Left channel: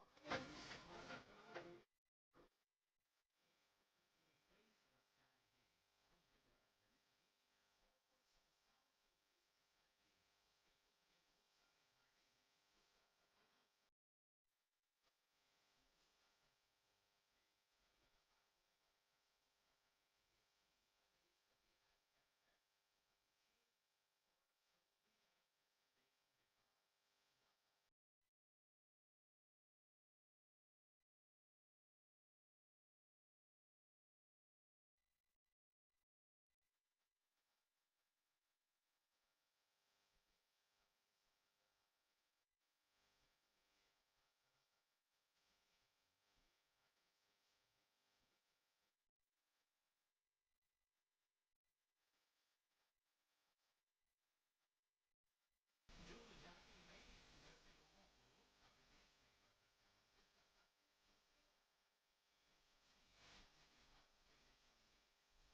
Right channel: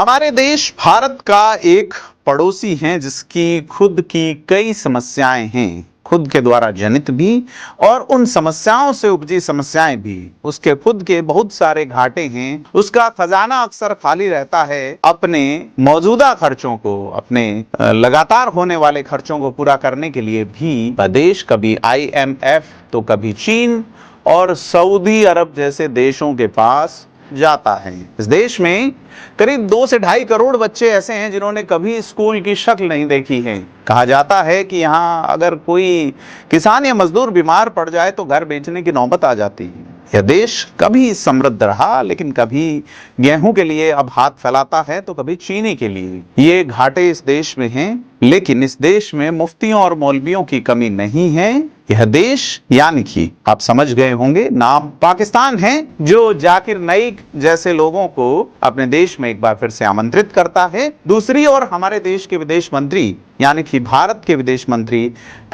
हमारे देश भारत का एक पड़ोसी है जिसकी खुद की कई समस्याएं हैं, खुद के द्वारा जनित भी और उन समस्याओं से उपजी समस्याएं भी। उसके खुद के बहुत सारे घाटे हैं। उसका खजाना अक्सर खाली रहता है। अपने मौजूदा खर्चों को, अपने लगातार होने वाले खर्चों को पूरा करने के लिए भी देश कभी IMF तो कभी चीन और सऊदी अरब जैसे देशों के पास जाता है। इस देश में करीब 2 से 2.5 करोड़ बच्चे ऐसे हैं जिन्होंने कभी स्कूल की शक्ल नहीं देखी है। कहा जाता है कि यहाँ अगर कोई किसान या मजदूर बीमार पड़ जाए तो घर बेचने की नौबत आ जाती है। यह देश कभी समृद्ध रहा, लेकिन कभी गेहूं के लिए अब हाथ फैलाता है तो कभी चीनी के लिए। ये घाटे इस देश में हैं, लेकिन इस देश में मुफ्तियों और मौलवियों की कमी नहीं है। यह देश यानी कि आप समझ गए होंगे, नाम पाकिस्तान है, जो जाकिर नाइक जैसे लोगों को अपने देश में एक बार फिर से आमंत्रित करता है। दूसरी ओर हमारे देश के विदेश मंत्री यानी कि भारत के विदेश मंत्री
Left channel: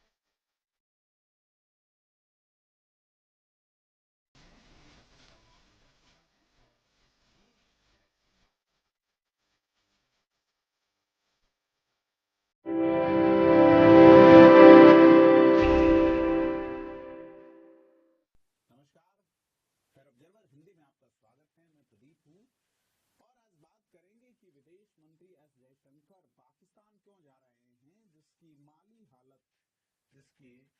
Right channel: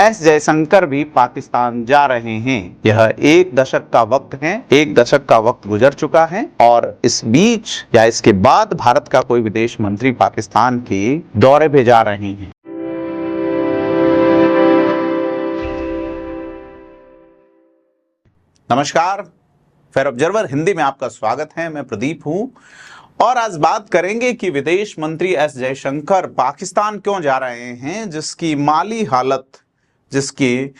एस जयशंकर भी पाकिस्तान जा रहे हैं। यह 1 दशक का वक्त है, 1 दशक का वक्त गुजर चुका है और इस बीच या इसके बाद भारत का कोई विदेश मंत्री पाकिस्तान के दौरे पे जा रहे हैं। नमस्कार, फेयर ऑब्जर्वर हिंदी में आपका स्वागत है। मैं प्रदीप हूं और आज बात करेंगे कि विदेश मंत्री एस जयशंकर पाकिस्तान क्यों जा रहे हैं, जिसकी माली हालत, जिसकी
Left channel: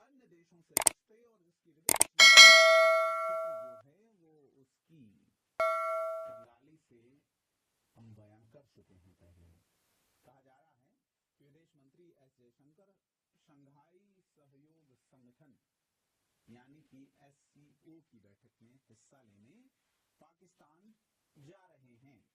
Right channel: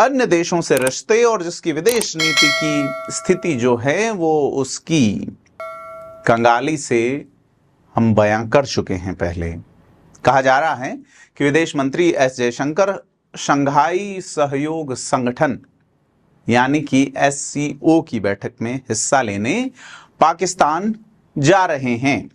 अन्य देशों से रिश्ते और जिसकी विदेश नीति की स्थिति जो है वो उसकी कंगाली से हम बयां कर चुके हैं। पहले कहा जा रहा है कि विदेश मंत्री एस जयशंकर शंघाई सहयोग संगठन यानी कि SCO की बैठक में हिस्सा लेने पाकिस्तान जा रहे हैं।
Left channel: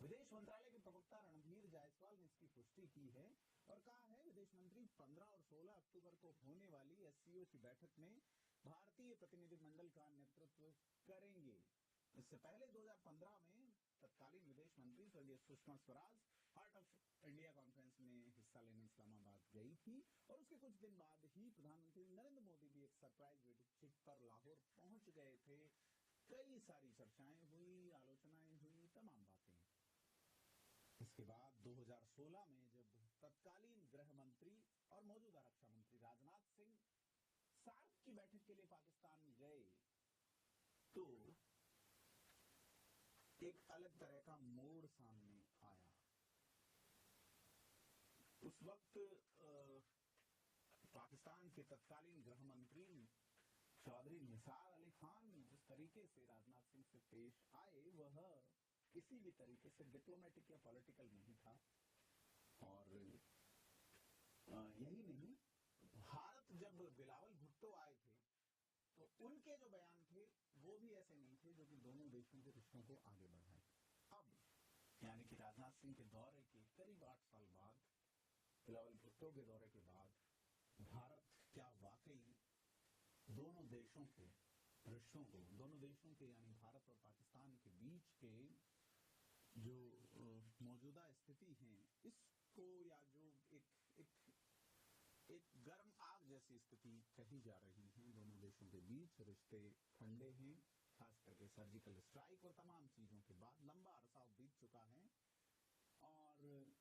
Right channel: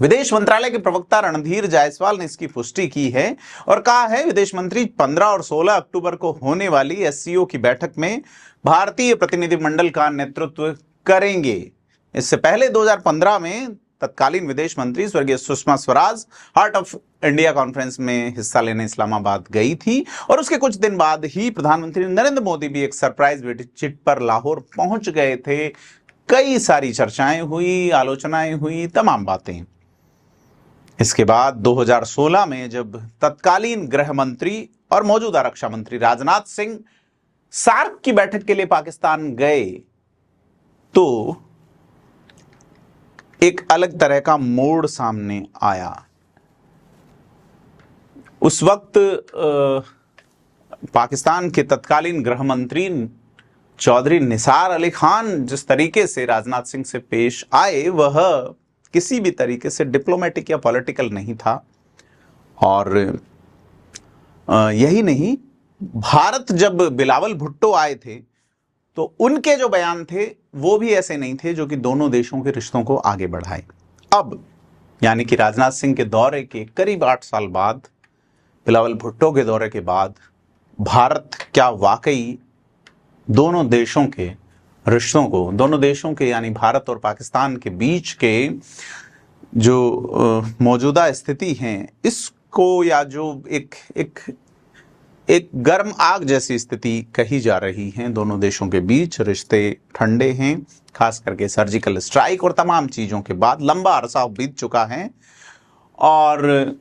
विदेश मंत्रालय के प्रवक्ता रणधीर जायसवाल ने इसकी पुष्टि की है और कहा है विदेश मंत्री 15 और 16 अक्टूबर को होने वाली SCO की बैठक में भारतीय प्रतिनिधिमंडल का नेतृत्व करेंगे। इससे पहले 2015 में तत्कालीन विदेश मंत्री स्वर्गीय Sushma Swaraj heart of India conference में हिस्सा लेने इस्लामाबाद गई थी और उसके कुछ दिन बाद ही प्रधानमंत्री नरेंद्र मोदी भी एक सरप्राइज विजिट पर लाहौर पहुंच गए थे। कई सारी चर्चाएं हुई, आलोचनाएं हुई, तमाम बातें। इसके बाद 2016 में जब तत्कालीन गृह मंत्री और मौजूदा रक्षा मंत्री राजनाथ सिंह सार्क की बैठक के लिए पाकिस्तान गए तो एक अलग तरह का मोड़ सामने आया। उस वक्त पाकिस्तान के तत्कालीन गृह मंत्री चौधरी निसार अली खान जिस तरीके से राजनाथ सिंह से पेश आए वह किसी भी तरीके से डिप्लोमेटिक या पॉलिटिकल नहीं था। और यही नहीं, भारत जब बिलावल भुट्टो आए थे तो उनके जो बयान थे वो भी ऐसे नहीं थे जो कि दोनों देशों के रिश्तों को आगे बढ़ाए। अब यानी कि राजनाथ सिंह के दौरे के करीब 8 साल बाद, बिलावल भुट्टो के दौरे के बाद, भारत क्या वाकई दोनों देशों के रिश्तों को, दोनों देशों के यानी भारत और पाकिस्तान के बीच के जो मौजूदा स्थिति है इसको, या जो एक गर्म आग जैसी स्थिति कही जा रही है, दोनों देशों के बीच रिश्ते ठंडे हैं, खास करके सर्जिकल स्ट्राइक और तमाम चीजों के बाद लंबा अरसा बीत चुका है। और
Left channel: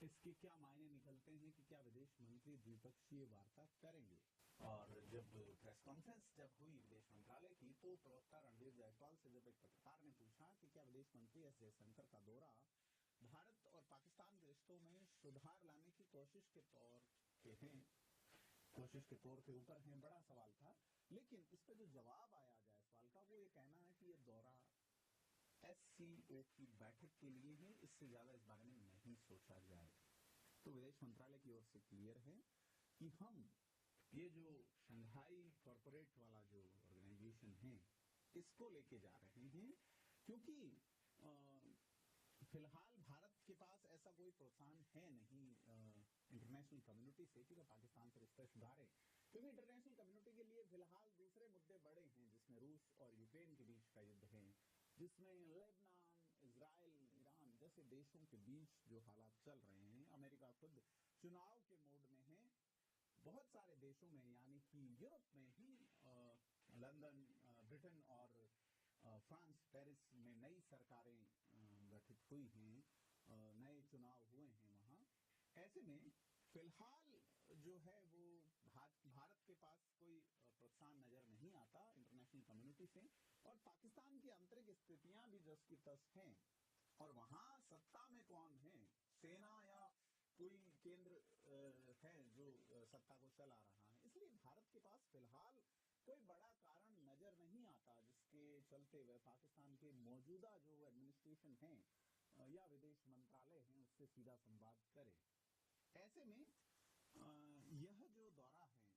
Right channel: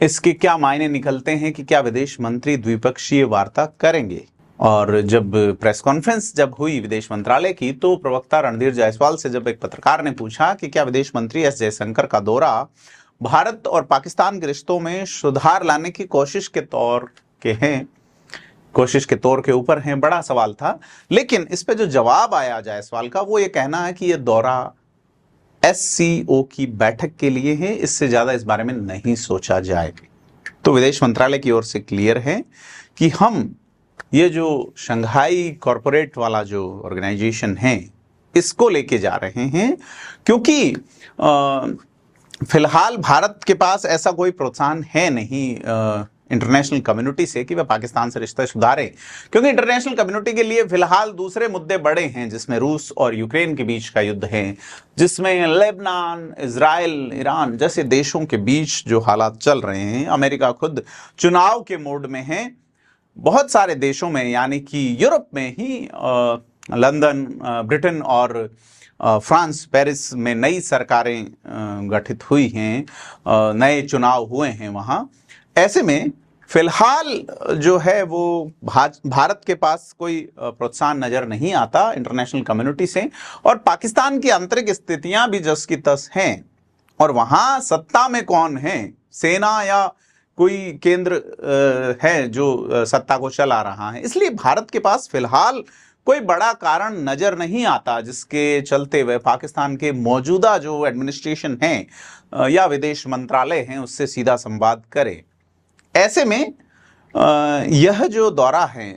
इसके क्या मायने निकलते हैं कि क्या विदेश मंत्री द्विपक्षीय वार्ता करेंगे। और जब प्रेस कॉन्फ्रेंस जब हुई विदेश मंत्रालय की तो प्रवक्ता रणधीर जायसवाल से जब एक पत्रकार ने पूछा कि क्या विदेश मंत्री एस जयशंकर का दौरा भारत और पाकिस्तान के रिश्तों में सुधार लाने की कोशिश के तौर के ऊपर हैं, बड़ा सवाल था। लेकिन इस पे जो जवाब आया जायसवाल का वो ये कहना है कि ये दौरा SCO की बैठक के लिए है, इससे ज्यादा इस बारे में नहीं सोचा जाए। तो विदेश मंत्रालय की ओर से क्लियर है कि हम ये जो शंघाई कॉरपोरेट वाला जो ऑर्गेनाइजेशन है इसको लेके जा रहे हैं, क्योंकि फिलहाल भारत के पास ऐसा कोई प्रोत्साहन है नहीं इंटरनेशनल कम्युनिटी से कि वह पाकिस्तान से रिश्ते सुधारे, क्योंकि इंटरनेशनल कम्युनिटी के लिए फिलहाल दूसरे मुद्दे बड़े हैं, जिसमें रूस और यूक्रेन के बीच का युद्ध है, जिसमें लेबनान, इजराइल, ईरान जैसे देशों के बीच जो हालात चल रहे हैं। अमेरिका खुद चुनाव के मोड में है। बहुत सारे देशों में यानी कि यूरोप में ही लंदन, ब्रिटेन और फ्रांस पेरिस में नई सरकारें गठित हुई हैं, नए चुनाव हुए हैं वहाँ। ऐसे में फिलहाल जो है वो भारत के पास कोई प्रोत्साहन नजर नहीं आता इंटरनेशनल कम्युनिटी से, और पाकिस्तान की आंतरिक स्थितियां भी जस की तस हैं, और वहां सत्ता में कौन है, सेना या कोई केंद्र है जो सत्ता को चला रहा है। इसलिए भारत के पास फिलहाल कोई बड़ा कारण नजर नहीं आता जिसके चलते वह पाकिस्तान के मौजूदा जो एडमिनिस्ट्रेशन है या विदेश मंत्रालय है उससे सीधा संवाद करे। ऐसे में यह जो दौरा है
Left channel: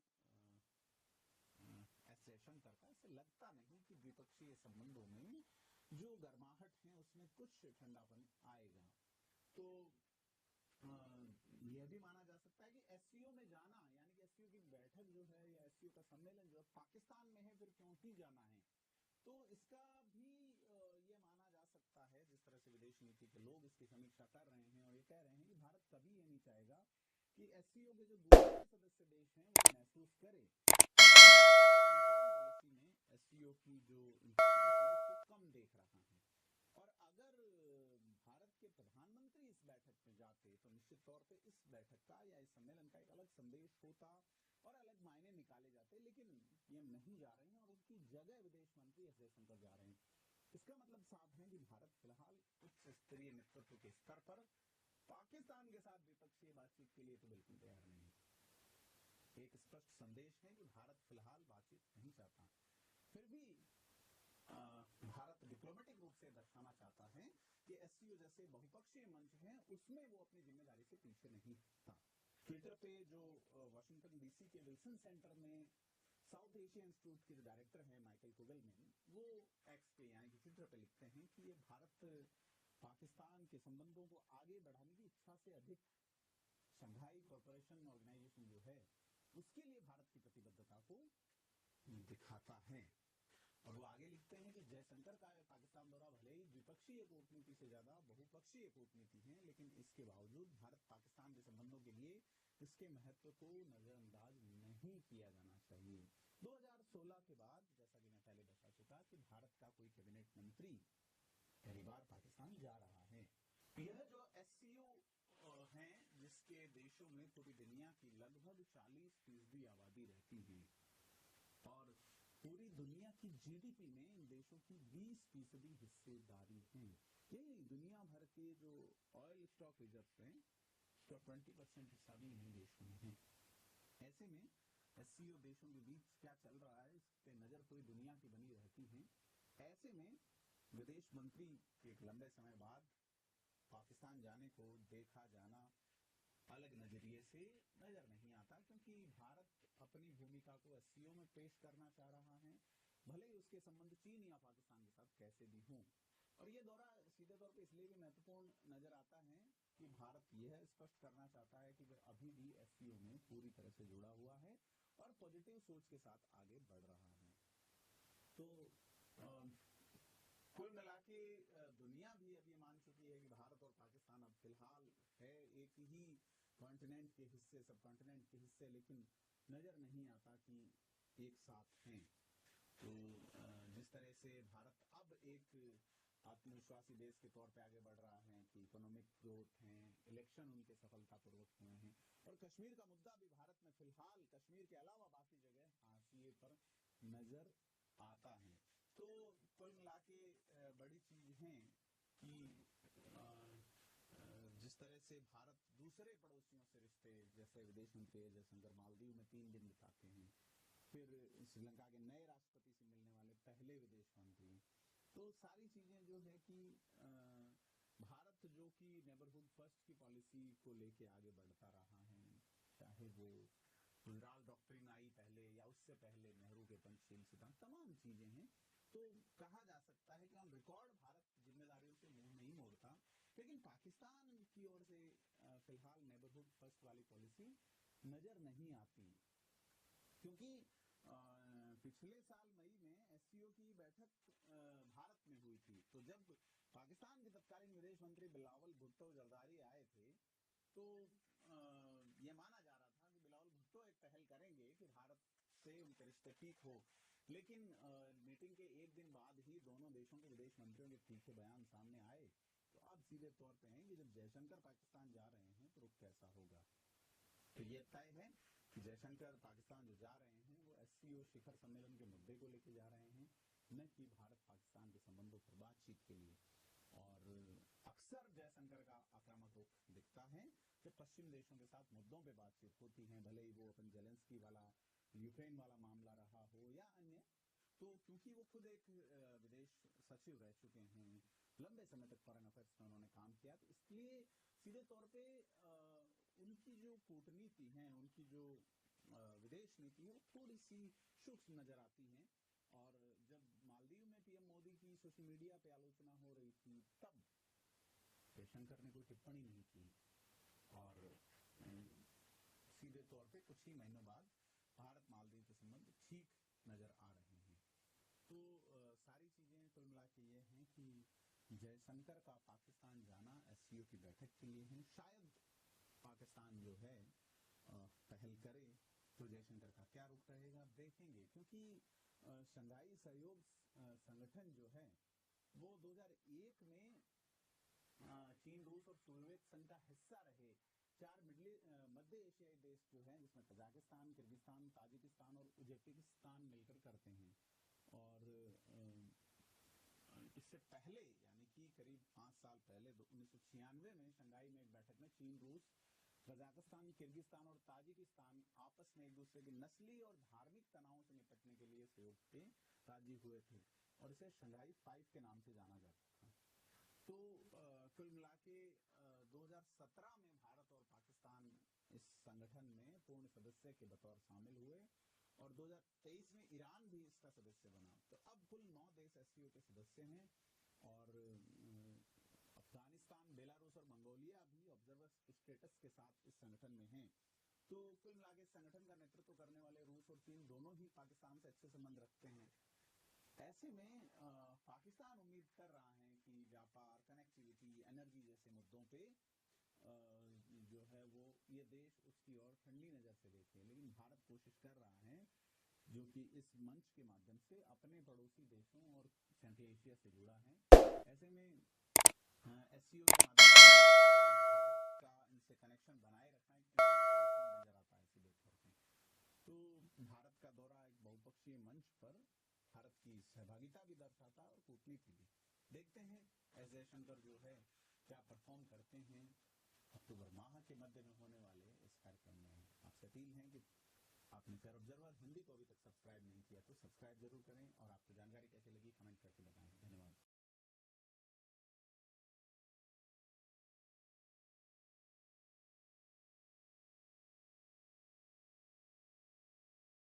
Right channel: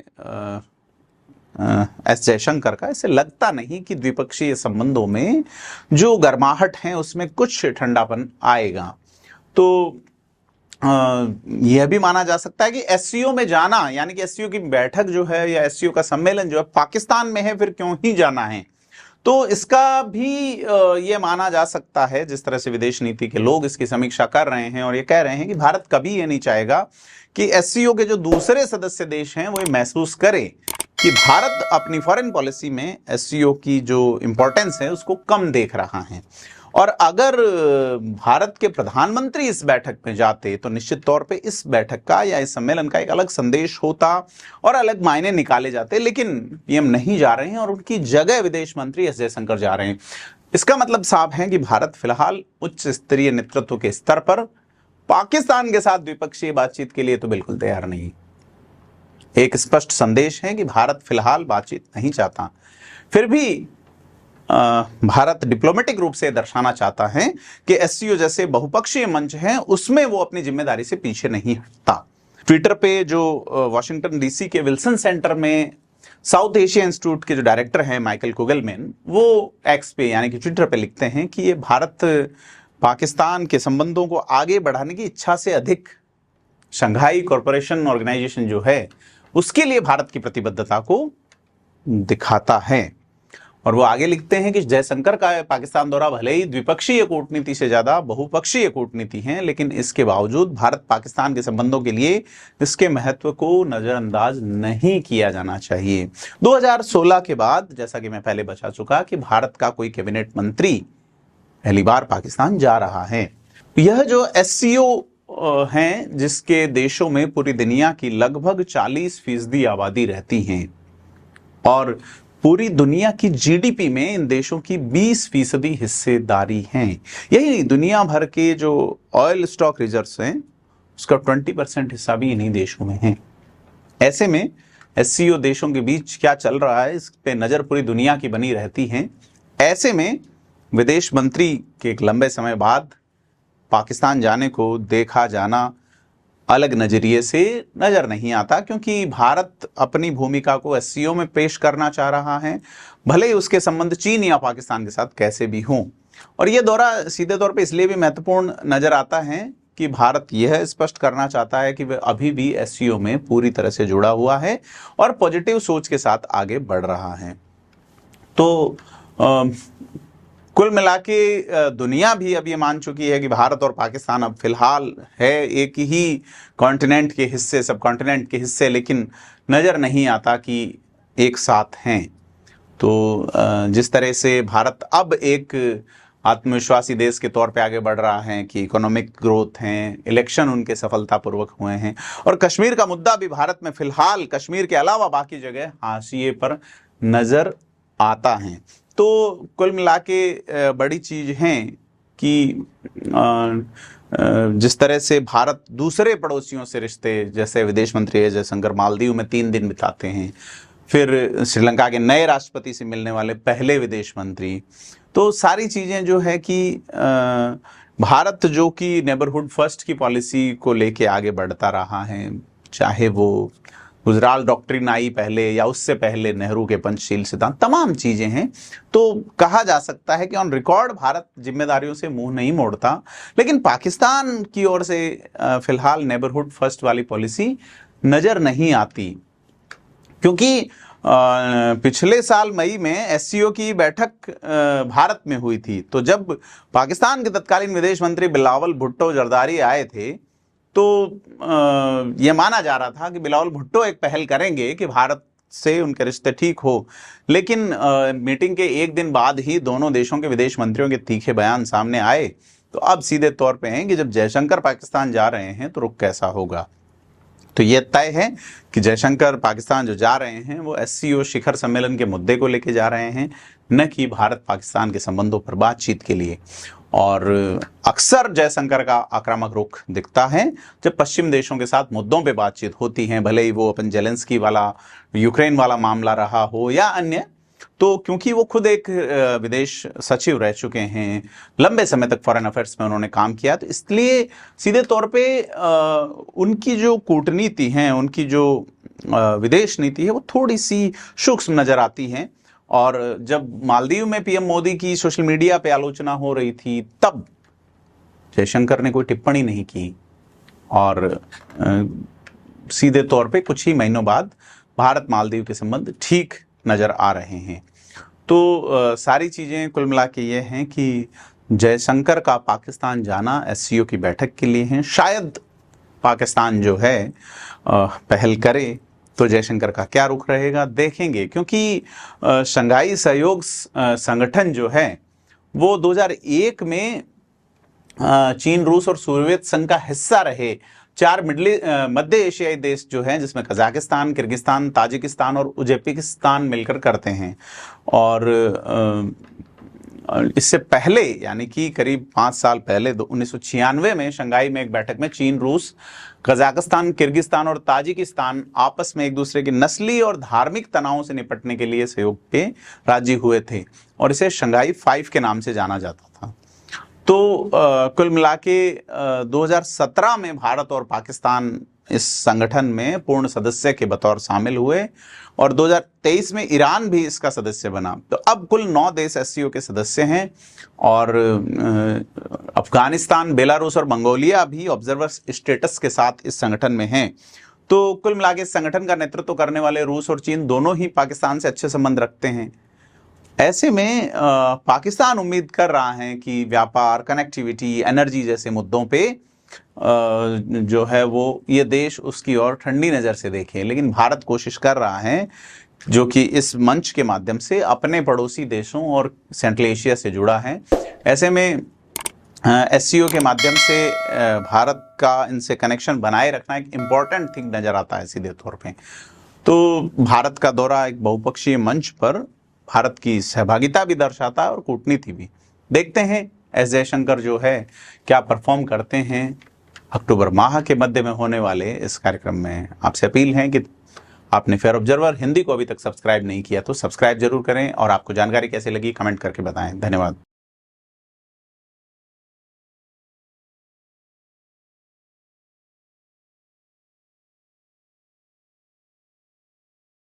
एस जयशंकर का, इससे लगता नहीं कि द्विपक्षीय संबंधों में जो गर्माहट है उसमें कुछ ठंडापन आएगा। तो यह भी माना जा सकता है कि एससीओ में जाना, यानी कि एससीओ की बैठक जो है या एससीओ का सम्मेलन जो है पाकिस्तान में है, फिर क्यों ही जाना है। तो इसका भी ये माना जा सकता है, जिस तरह से विदेश नीति के लोग इसकी समीक्षा कर रहे हैं और ये कह रहे हैं कि भारत कभी ये नहीं चाहेगा कि एससीओ के जो दूसरे सदस्य देश हैं वो ये महसूस करें कि भारत अपनी फॉरेन पॉलिसी में एससीओ की जो इंपॉर्टेंस है उसको कम देख रहा है। और अगर भारत के प्रधानमंत्री इस बैठक में जाते तो निश्चित तौर पे इस बैठक का या इस सम्मेलन का एक अलग संदेश होता और अलग मायने निकाले जाते, लेकिन पीएम नहीं जा रहे हैं और उनकी जगह विदेश मंत्री एस जयशंकर जा रहे हैं। इसका मतलब साफ है कि भारत फिलहाल उच्च स्तरीय नेतृत्व के स्तर पर पाकिस्तान के साथ द्विपक्षीय बातचीत के लिए तो बिल्कुल तैयार नहीं। एक स्पष्ट संदेश है कि भारत फिलहाल बातचीत नहीं चाहता। फिर भी भारत डिप्लोमेटिक रूप से दर्शाना चाहता है कि एससीओ जैसे बहुपक्षीय मंच हैं उसमें वो अपनी जिम्मेदारी से पीछे नहीं हटता। ट्विटर पे जो वॉशिंगटन डीसी के विल्सन सेंटर में साउथ एशिया इंस्टीट्यूट के जो डायरेक्टर हैं माइकल कुगलमैन, वो एक्स पे यानी कि ट्विटर पे लिखते हैं कि ये भारत पाकिस्तान के संबंधों को आगे बढ़ाने की इच्छा से अधिक शंघाई कॉरपोरेशन ऑर्गेनाइजेशन जो है उसके लिए भारत की प्रतिबद्धता को दिखाता है। और वो आगे लिखते हैं कि जयशंकर का पाकिस्तान दौरा भले ही द्विपक्षीय कूटनीति से ज्यादा बहुपक्षीय कूटनीति है, लेकिन इसके बावजूद भारत पाकिस्तान के संबंधों के लिए इसके महत्व को नजरअंदाज नहीं किया जाना चाहिए। 2016 के बाद, जैसा कि मैं पहले बता चुका, कि भारत का कोई कैबिनेट मंत्री पहली बार पाकिस्तान जा रहा है। यह जो एससीओ हैं जिसके देशों में पूरी दुनिया की लगभग 40% आबादी रहती है और पूरी दुनिया की जीडीपी में इन देशों की 20% हिस्सेदारी है। यही दुनिया भर के जो ऑयल स्टॉक रिजर्व्स हैं उसका 20% हिस्सा भी इन्हीं देशों में है। ऐसे में एससीओ देशों के बीच क्या चल रहा है इस पे नजर पूरी दुनिया की बनी रहती है। ऐसे में विदेश मंत्री के एक लंबे समय बाद पाकिस्तान जाने को देखा जाना अलग नजरिए से नजर नहीं आता, क्योंकि भारत अपनी भूमिका को एससीओ में पेश करना चाह रहा है, भले ही उसके संबंध चीन या पाकिस्तान के साथ कैसे भी हों। और यह दौरा सीधे तौर पे इसलिए भी महत्वपूर्ण नजर आता है कि भारत यह स्पष्ट करना चाहता है कि वह अभी भी एससीओ में पूरी तरह से जुड़ा हुआ है और पॉजिटिव सोच के साथ आगे बढ़ रहा है। तो कुल मिला के दुनिया भी अब ये मान चुकी है कि भारत और पाकिस्तान अब फिलहाल है एक ही कॉन्टिनेंट के हिस्से, सब कॉन्टिनेंट के हिस्से, लेकिन नज़र नहीं आता कि एक साथ हैं। तो जिस तरह से भारत अब एक आत्मविश्वासी देश के तौर पे आगे बढ़ रहा है कि इकोनॉमिक ग्रोथ हैं, इलेक्शन उनके सफलतापूर्वक हुए हैं और कश्मीर का मुद्दा भी भारत में फिलहाल कश्मीर के अलावा बाकी जगह हाशिए पर नज़र आता है। तो कुल मिला के बड़ी चीज़ है कि जिस तरह से भारत दूसरे पड़ोसियों से रिश्ते, जैसे विदेश मंत्री एस जयशंकर मालदीव में 3 दिन बिताते हैं, फिर श्रीलंका के नए राष्ट्रपति से मिलने वाले पहले विदेश मंत्री, तो सारी चीज़ें जो है कि भारत जो कि नेबरहुड फर्स्ट की पॉलिसी को लेके आगे बढ़ता रहा है, चाहे वो गुजराल डॉक्ट्रिन आई पहले या उससे पहले नेहरू के पंचशील सिद्धांत, तमाम चीजें हैं। तो कहा जा सकता है कि ऑन रिकॉर्ड भारत जिम्मेदारियों से मुंह नहीं मोड़ता, लेकिन पाकिस्तान की ओर से फिलहाल नेबरहुड फर्स्ट वाली पॉलिसी नजर नहीं आती, क्योंकि पिछले साल मई में एससीओ की बैठक भारत में हुई थी। तो जब पाकिस्तान के तत्कालीन विदेश मंत्री बिलावल भुट्टो जरदारी आए थे तो यह माना जा रहा था कि बिलावल भुट्टो एक पहल करेंगे कि भारत से उनके रिश्ते ठीक हो, लेकिन मीटिंग के एक दिन बाद ही दोनों देशों के विदेश मंत्रियों के तीखे बयान सामने आए। तो अब सीधे तौर पे हैं कि जब जयशंकर पाकिस्तान जा रहे हैं तो रुख कैसा होगा। तो यह तय है कि जयशंकर पाकिस्तान जो जा रहे हैं वो SCO शिखर सम्मेलन के मुद्दे को लेके जा रहे हैं, न कि भारत पाकिस्तान के संबंधों पर बातचीत के लिए। और अक्सर जयशंकर का आक्रामक रुख दिखता है जब पश्चिम देशों के साथ मुद्दों पे बातचीत होती है, भले ही वो अपन जेलेंस्की वाला यूक्रेन वाला मामला रहा हो या अन्य। तो क्योंकि वो खुद एक विदेश सचिव रह चुके हैं, लंबे समय तक फॉरेन अफेयर्स में उन्होंने काम किया, तो इसलिए सीधे तौर पे उनकी जो कूटनीति है, उनकी जो विदेश नीति है, वो थोड़ी सी सूक्ष्म नजर आती है। और जब मालदीव में PM मोदी की सोशल मीडिया पे आलोचना हो रही थी, तब जयशंकर ने कोई टिप्पणी नहीं की, और सीधे तौर पे कुछ ही महीनों बाद भारत मालदीव के संबंध ठीक नजर आ रहे हैं। तो सारी चीजें कुल मिला के ये हैं कि जयशंकर का पाकिस्तान जाना SCO की बैठक के लिए है। शायद पाकिस्तान जो है पहल करे, तो जयशंकर का क्या रुख रहेगा देखेंगे, क्योंकि शंघाई सहयोग संगठन जो है वो 2001 में चीन, रूस और सोवियत संघ का हिस्सा रहे 4 मध्य एशियाई देश जो हैं, जिसमें कजाकिस्तान, किर्गिस्तान, ताजिकिस्तान और उज्बेकिस्तान मिलकर करते हैं। और इससे पहले यानी कि करीब 5 साल पहले 1996 में शंघाई में एक बैठक में चीन, रूस, कजाकिस्तान, किर्गिस्तान और ताजिकिस्तान आपस में एक दूसरे के नस्ली और धार्मिक तनावों से निपटने के लिए सहयोग पे राजी हुए थे, और इसे शंघाई 5 के नाम से जाना जाता था। तो कुल मिला के 2017 में भारत और पाकिस्तान इस संगठन में पूर्ण सदस्य के बतौर शामिल हुए, और 2023 में ईरान भी इसका सदस्य बना। तो अब कुल 9 देश SCO के सदस्य हैं, और अफगानिस्तान, बेलारूस और मंगोलिया भी ऑब्जर्वर स्टेटस के साथ इस संगठन में हैं। तो कुल मिला के इस संगठन का नेतृत्व करने वाले रूस और चीन दोनों ही पाकिस्तान से अच्छे संबंध रखते हैं। ऐसे में पाकिस्तान उम्मीद कर रहा है कि व्यापार, कनेक्टिविटी, एनर्जी जैसे मुद्दों पे जो है वो ये देश उसकी ओर ठंडी नज़र से देखे, लेकिन भारत कोशिश कर रहा है, जो कि इस मंच के माध्यम से अपने पड़ोसी देशों और सेंट्रल एशिया से जुड़ा है। ऐसे में SCO के माध्यम से भारत का इनसे कनेक्शन बनाए रखना एक इम्पॉर्टेंट थिंग नज़र आता है सीधे तौर पे। तो भारत का दौरा एक बहुपक्षीय मंच पर भारत की सहभागिता भी दर्शाता है और कूटनीति भी। देखते हैं S जयशंकर जो है क्या परफॉर्म करते हैं अक्टूबर माह के मध्य में होने वाले इस कार्यक्रम में। आपसे अपील है कि आपने फेयर ऑब्जर्वर हिंदी को अभी तक सब्सक्राइब नहीं किया तो सब्सक्राइब जरूर करें, और आपको जानकारी कैसे लगी कमेंट करके बताएं। धन्यवाद।